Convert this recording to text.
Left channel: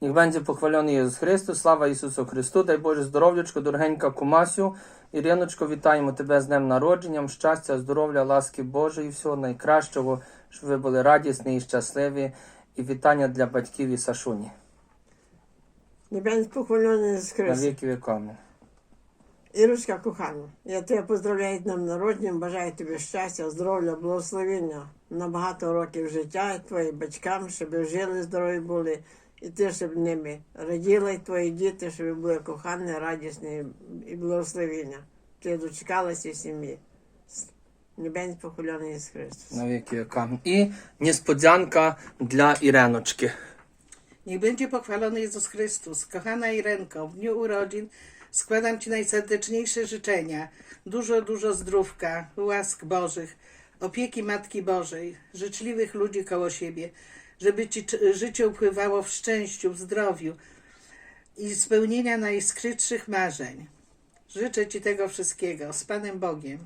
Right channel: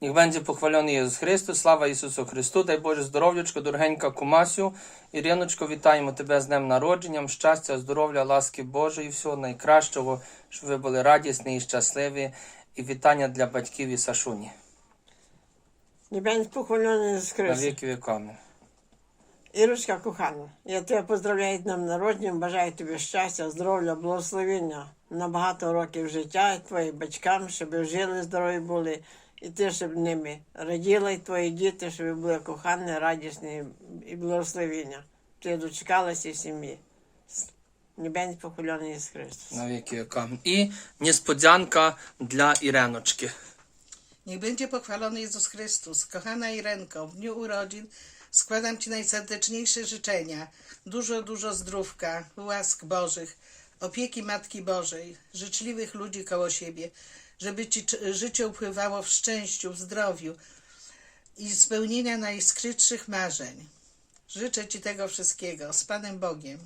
Niech będzie pochwalony Ісус Христос, слава Ісусу Христу, дай Боже здоров'ячко, дорогенька Кумасю. Іриночко, вітаємо тебе з днем народженням, щастя, здоров'я, ласки Божої, всього найкращого, щоб ви були радісні і щасливі. І вітання для батьків і Сашуні. Небень похвалений з На віки віками. Ірочка кохана, я тебе поздравляю з днем народження, бажаю тобі щастя, здоров'я, благословення на багато років життя, твоїм батькам, щоб жили здорові були, і ти, щоб ними раділа, і твої діти, щоб були кохані, радісні і благословення. Ти дочекалася сім'ї. Небень похвалений з Христос. На віки віками. І niespodzianka dla Irenочки. Niech będzie pochwalony Jezus Chrystus. Kochana Irenko, w dniu urodzin składam Ci najserdeczniejsze życzenia. Dużo, dużo zdrówka, łask Bożych, opieki Matki Bożej, życzliwych ludzi koło siebie, żeby Ci życie upływało w szczęściu, w zdrowiu i spełnienia najskrytszych marzeń. Życzę Ci tego wszystkiego z Panem Bogiem.